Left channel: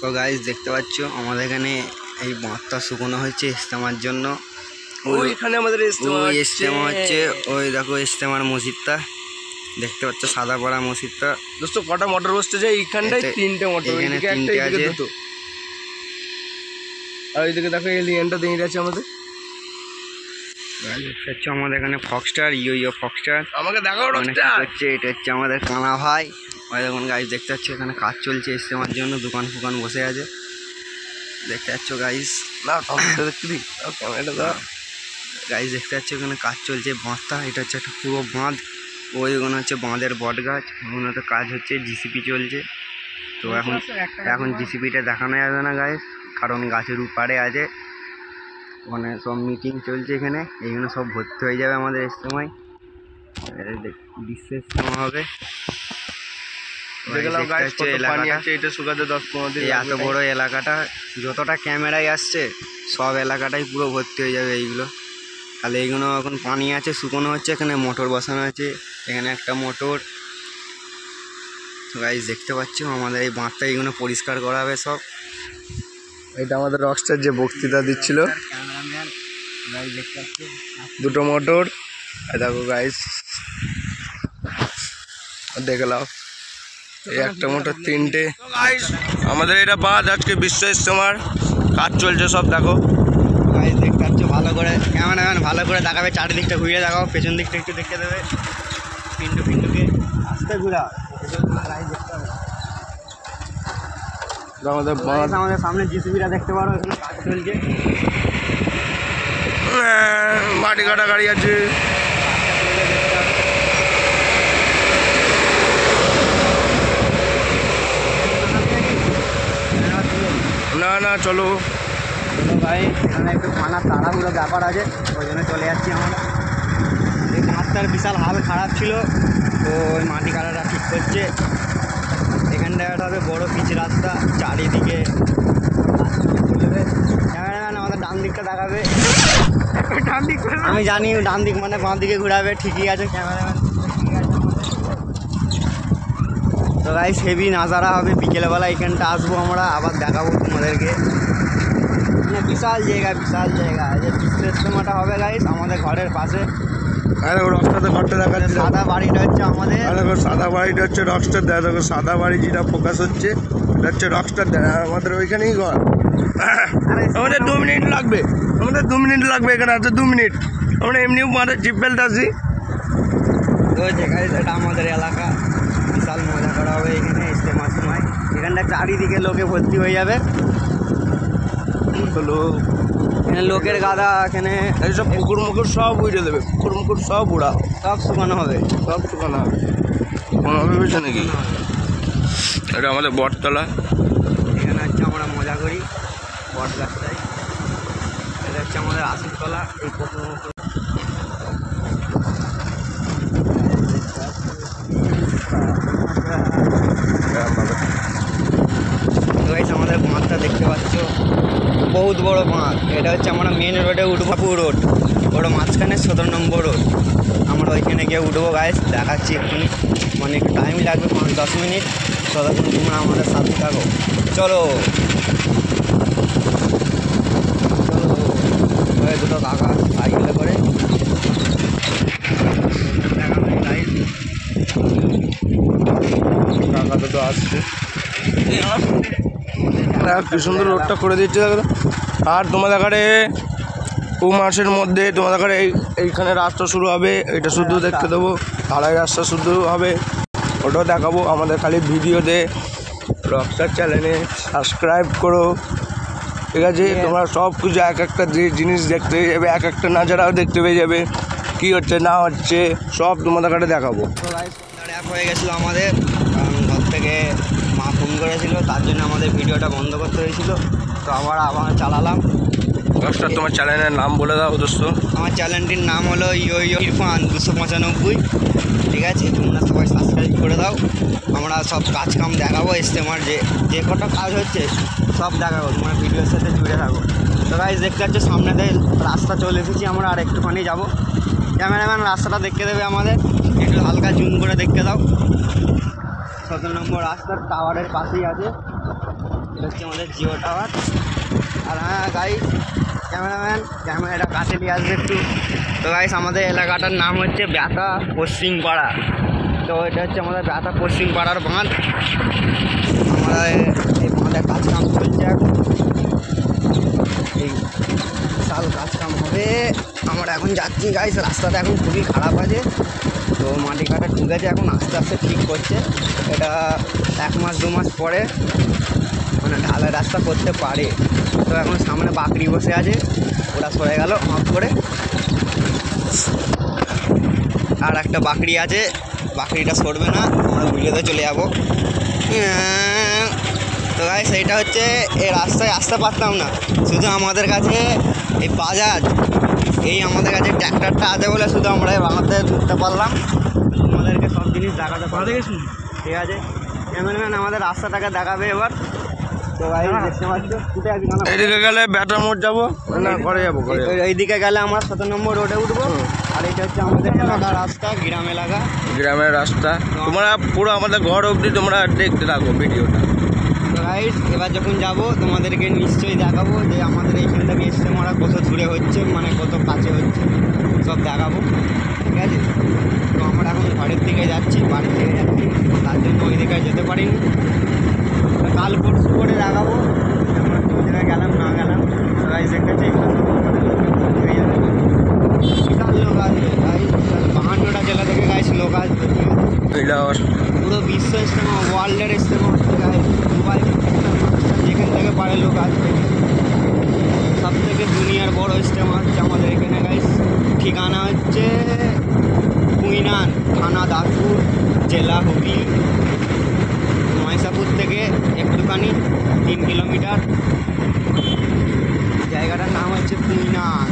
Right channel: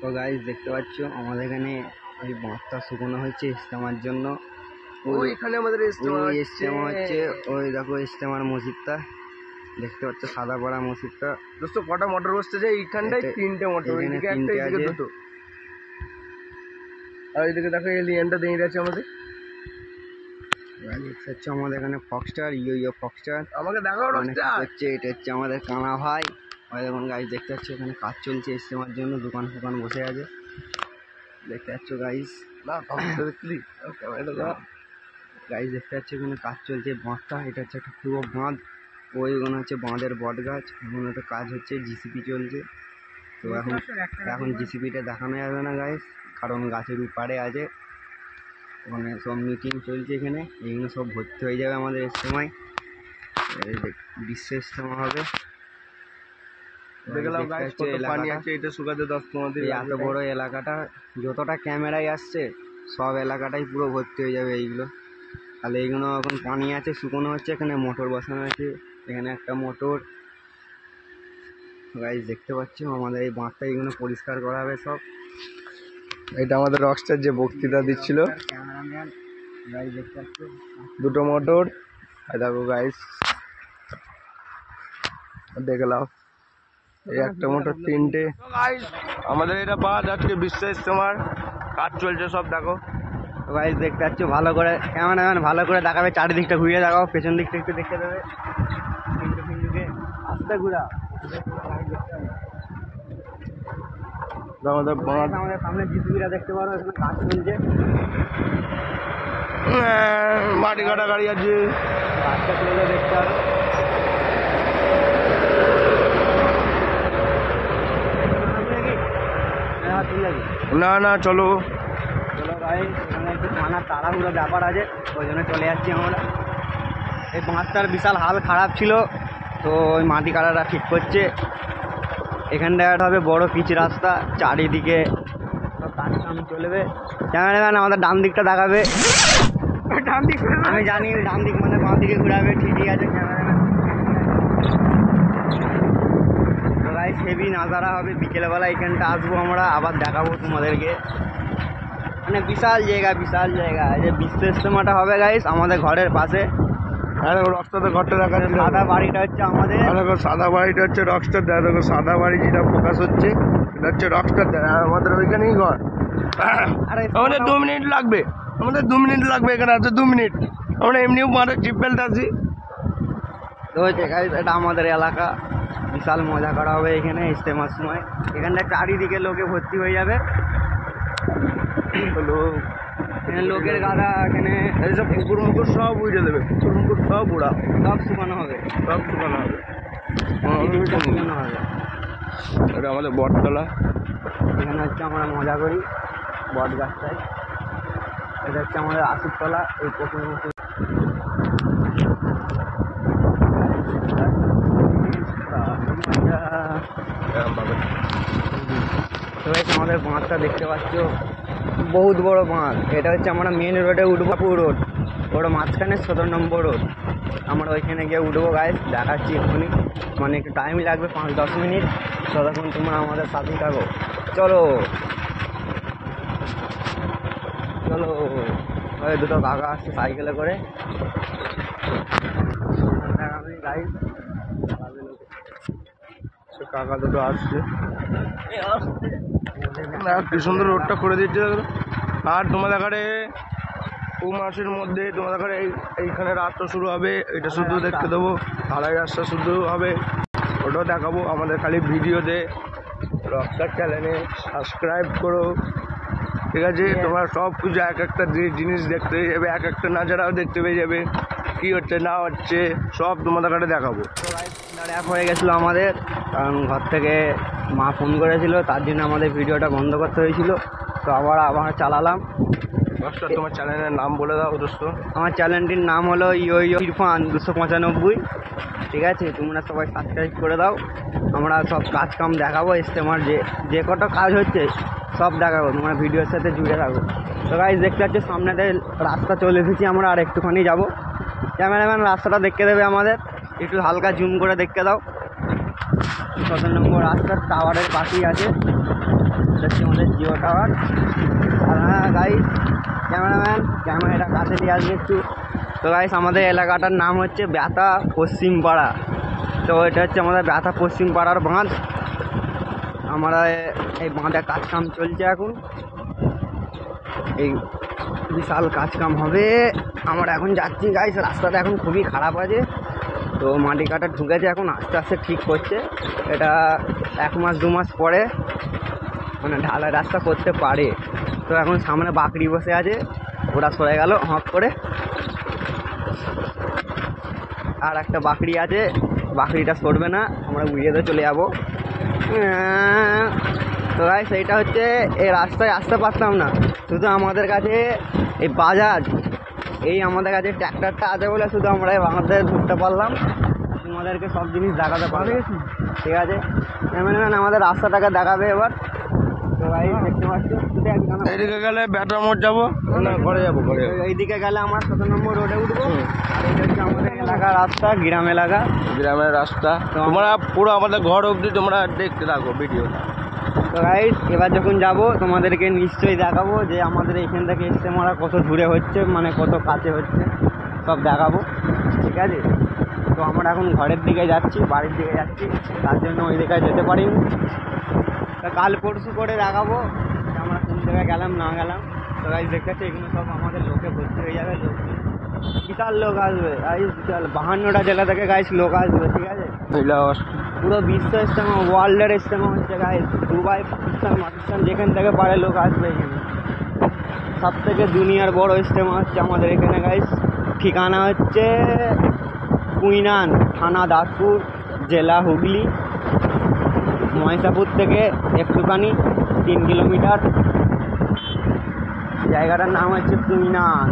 তো গাইস দেখতে পাচ্ছ আমাদের এখানে এই বাঁধটা শুকনো হয়েছে ইস্তেমার জন্য। ওইখানে আমাদের ইস্তেমা হচ্ছে, ওই দেখো ইস্তেমার মসজিদটা দেখতে পাচ্ছ, সাদা পড়া মসজিদটা। দোস্ত কটা মোটর বসতে যায়? এইখানটায় তিনটে মোটর, এখানে তিনটে আছে। আর ওইদিকে দেখো এলিয়েনটা দাঁড়িয়ে আছে আমাদের। দেখতে পাচ্ছ আমাদের এখানে ফক্সটার, ইয়ো ফক্সটার আমাকে দেখাও হচ্ছে। এটা হচ্ছে আমাদের কানা ভাই। ওই দেখুন গাইস দেখতে পাচ্ছ এখানে কাজ চলছে ইস্তেমার জন্য, দোকান ফুকান বসে আছে দেখতে পাচ্ছ গাইস। না ক্যামেরাটা গাইস দেখতে পাচ্ছ এখানে কাজ চলছে বাঁধটা। এটা হচ্ছে একটা পুরো বাঁধ। ওইগুলো হচ্ছে বাঁধের বট গাছ, ওগুলো তো কাজ হচ্ছে, জিসিপি চলছে। তো এখন জিসিপিটা দেখানো যাবে না গাইস, কারণ গাছের উপারে আছে, ওখানে সব মিটিং চলছে। এখানে এইগুলো সব ভর্তি হয়ে যাবে আমাদের ইস্তেমায়, বিশ্ব ইস্তেমা হবে। এত বড় এলাকাটা, যতটা ক্যামেরায় আসছে সব এলাকাটাই পুরো ভর্তি হয়ে যাবে এইগুলো। তাহলে এইগুলো এখন পানি আছে, শুকনো হচ্ছে। এখানে মোটর বসানো আছে, এখানে একটা মোটর। গাইস দেখতে পাচ্ছ আমাদের এই বাঁধটা এইগুলো পরিষ্কার করা হবে সব। এটা আমাদের রকস্টার যে বক্তৃতা দিচ্ছিল, ক্যামেরাম্যান গাইস দেখতে পাচ্ছ। দুটো মোটর দেখো গাইস, দেখলাম এই একটা মোটর তিনটে। আমাদের এটা বাঁধ, আজকে বিশ্ব ইস্তেমার কাজ চলছে সব। দেখো গাইস দেখতে পাচ্ছ, ভালো করে ক্যামেরাম্যান ভালো করে দেখাবে, চারিদিকটা ঘুরিয়ে দেখাও, পেছন দিকটা একটু দেখতে দেবে। পিন্টুকে আস্তে ঘুরা আমাদের বাঁধ। আমাদের সামনে জিসিবিটা দেখতে পারো, এখানে কাজ চলছে। মাটি কাটা গাড়ি আছে। না না চলো ভাই, এখানে একটু খানার তাড়াহুড়ো ব্যাপার আছে, ওই জন্য চলে যাচ্ছি আমরা। এই বাঁধটার বিশাল হাল খারাপ ছিল, তো ওই মাটি কাটাটা ঠিক করছে। এখানটায় হবে বড় পিচ রাস্তা, চারিদিকে চলবে। ক্যামেরাম্যান আমাদের ডান দিকটা দেখাবে। ডান দিক আমি জানি, ডান দিক মানে বাঁ দিকে ঘুরাবে। ঠিকই আছে ক্যামেরাম্যান। তো গাইস হেভি নাজারা হবে বিকেলবেলা, এখানটা আসবো আমরা, আবার দেখাবো তোমাদেরকে। মানে বিশাল জায়গা। এই যে বিশ্ব ইস্তেমাটা হবে গাইস আমাদের ঘরের পাশে। রকস্টার ঘরটা দেখাচ্ছি। সাদা বাড়িটা হচ্ছে আমাদের, দেখো সাদা বাড়িটা হচ্ছে রকস্টার। দেখো সাদা বাড়ি যেটা ফোকাস হচ্ছে এটা হচ্ছে রকস্টার। আমাদের ওইখানেই ঘর। আমাদের 2 মিনিট লাগবে, এখানে আছে 2 মিনিট। আমরা এমনিও মাঠের জিপ বেল্ট আছি। তো গাইস এটা আমাদের এলাকা, বিশাল মজা করা হবে এখানে ইস্তেমার সময়। এখানটা চারিদিকে লোকে ভর্তি হয়ে যাবে। লোকের গাদা এখানে, এইসব পুকুর মুকুর সব উড়ে দেবে, সব উড়া, সব শুকানো হবে। ভেবেছে নাকি? এটা আমাদের বটতলা। এখানে হচ্ছে আমরা মজা করি বট গাছটায়। এটা হচ্ছে আমাদের আসিফতলা। এই পুকুর মুকুর আমাদের বাঁধটা দেখতে পাচ্ছ, বহুত বড় বাঁধ। এটা হচ্ছে আমরা মেন রোডে উঠবো, রোড ওর মাঝখানে 17 নম্বর রোড। আমরা ওইখানে গিয়ে উঠবো গাইস, দেখাচ্ছি এখনই। মানে একটু টাইম লাগবে, 5-10 মিনিট। ততক্ষণ তোমরা আমাদের সাথে থাকো। চলো ওই দুটো কাকা আসছে সাইকেলে করে। টাকা দুটো আসছে, কি সুন্দর রোডটা করে দিচ্ছে। আর তোমাদের ঘরে 2 মাসের মধ্যে তোমাদের ঘরে এইখানে রাস্তা শুরু হবে। এটা শুধু দেখতে দেবো, ঢালাই রাস্তা শুধু হবে, ওটাও দেখাবো। আমাদের খালি ভিডিওতে রকস্টার চ্যানেলে সাবস্ক্রাইব করো, ঠিক আছে? তোমরা সব কিছু এক একটা জিনিস দেখতে পেয়ে যাবে, এক একটা নাজারাও দেখতে পেয়ে যাবে, কী হচ্ছে না হচ্ছে সব তোমাদের ঘরে দেখাবো। হয়ে গেছিলো আমাদের, কারণ ঘর থেকে মা ফোন করেছিল, তার জন্য আমাদের ভিডিওটা বন্ধ করতে হয়েছিল। তো আবার চালালাম। রকস্টার তোমার চ্যানেলের নাম বলে দাও দোস্ত। আমার চ্যানেলটির নাম হলো ইয়ো ইরফান 295। ঠিক আছে, তোমরা সবাই সাবস্ক্রাইব করে দাও। আমরা সব কাজ কাম দেখাবো, ইস্তেমার যে কটা কাজ হচ্ছে সব দেখাবো, তোমরা ভিডিওর সাথে জুড়ে থাকো। তো গাইস দেখতে পাচ্ছ সামনেতে রাস্তা চলে এসেছি আমরা, আর একটুখানি যাবো। ক্যামেরাম্যান রাস্তাটা দেখতে দেবে আমাদের, একটু হালকা জুম করে দেখতে দাও। 17 নম্বর রাস্তার টাওয়ারের পাশেই আছে। এটা হচ্ছে আমাদের জিও টাওয়ার। আর হ্যাঁ গাইস, ক্যামেরাম্যান ক্যামেরাটা কাছে নিয়ে আসবে একটু। তো গাইস, আমাদের এলাকাটার নাম হচ্ছে ব্যাথা পশ্চিম পাড়া। তো এটা হচ্ছে আমাদের ব্যাথা পশ্চিম পাড়ার বাঁধ। আমরা এই বাঁধের কাজকাম চলছে এখন, এই বিশাল কাজকাম হবে। আমরা এখন যাচ্ছি গাইস, রাস্তাটা এখন খুবই খারাপ আছে। তো মাটি কাটা ঢুকেছে, এখন আস্তে আস্তে ঠিক করছে। এটা 1 মাস 2 মাস পরে মানে ঢালাই রাস্তা করতে পারে। তো এখন সামনে বাকরি বসে আছে, ওরা সরে গেল হপ করে। আর একটা বাকরি আছে, বাকরিটা সরবে না, আমরা ভিডিওতে চলে যাবো। তো গাইস, সেইটা হচ্ছে এই রাস্তায় আসতে পারতাম না, শুধু আমাদের কাছে এই বাজাজ, এই আমাদের কাছে ট্র্যাক্টরটা আছে বলে শুধু আমরা এই বাঁধতে ঢুকতে পারলাম। আমাদেরকে সব জিনিস দেখাতে পারে, ঠিক আছে? ক্যামেরাম্যান আমাদের রাস্তাটাকে দেখাবে এবার। তো গাইস দেখতে পাচ্ছ, উঠে আছি কেন? এইদিকে গেলে ব্যাটা মোড় যাবো না ঘরে যাবো? ঘরে এইদিকে গেলে আমরা 7 নম্বর রোডে উঠবো। আর এটা হচ্ছে আমাদের এলাকার রাস্তা, গ্রাম এলাকা, গ্রামের রাস্তা। তোমরা পুরো আমাদের ঘর অবধি তোমরা দেখতে থাকো ভিডিওটা। তো গাইস, এবার যখন যাব তোমাদেরকে নিশ্চয়ই দেখাবো যে আমাদের এখান থেকে ইস্তেমারা কত দূরে হচ্ছে, মানে কত কাছে হচ্ছে, সব দেখাবো, ঠিক আছে? তো আমরা এখন ঘরের দিকে যাচ্ছি, বাড়ির দিকে যাচ্ছি, তার জন্য ওই দিকে যেতে পারিনি। কাল পরশু করে দেখাবো যে আমরা কোন জায়গায় গেলাম না গেলাম। তো গাইস দেখেছি এগুলো সব আমাদের লোককে ভর্তি হয়ে যাবে, বিশাল লোক আসবে গাইস, 52টা জেলা থেকে গাইস লোক আসবে, ঠিক আছে? পুরো বিশ্ব ইস্তেমা, ওয়ার্ল্ডের ইস্তেমা হচ্ছে গাইস, দুবাই যেখান থেকে পারে লোক আসবে। সব থেকে দুনিয়ার বড় ইস্তেমা হচ্ছে আমাদের এখানে গাইস। ঠিকানা হচ্ছে কুইনান, থানা দাসপুর, জেলা হুগলি। মহেশাপুর থেকে একটুখানি 3 কিলোমিটার। জায়গাটার নাম হচ্ছে কুইনান।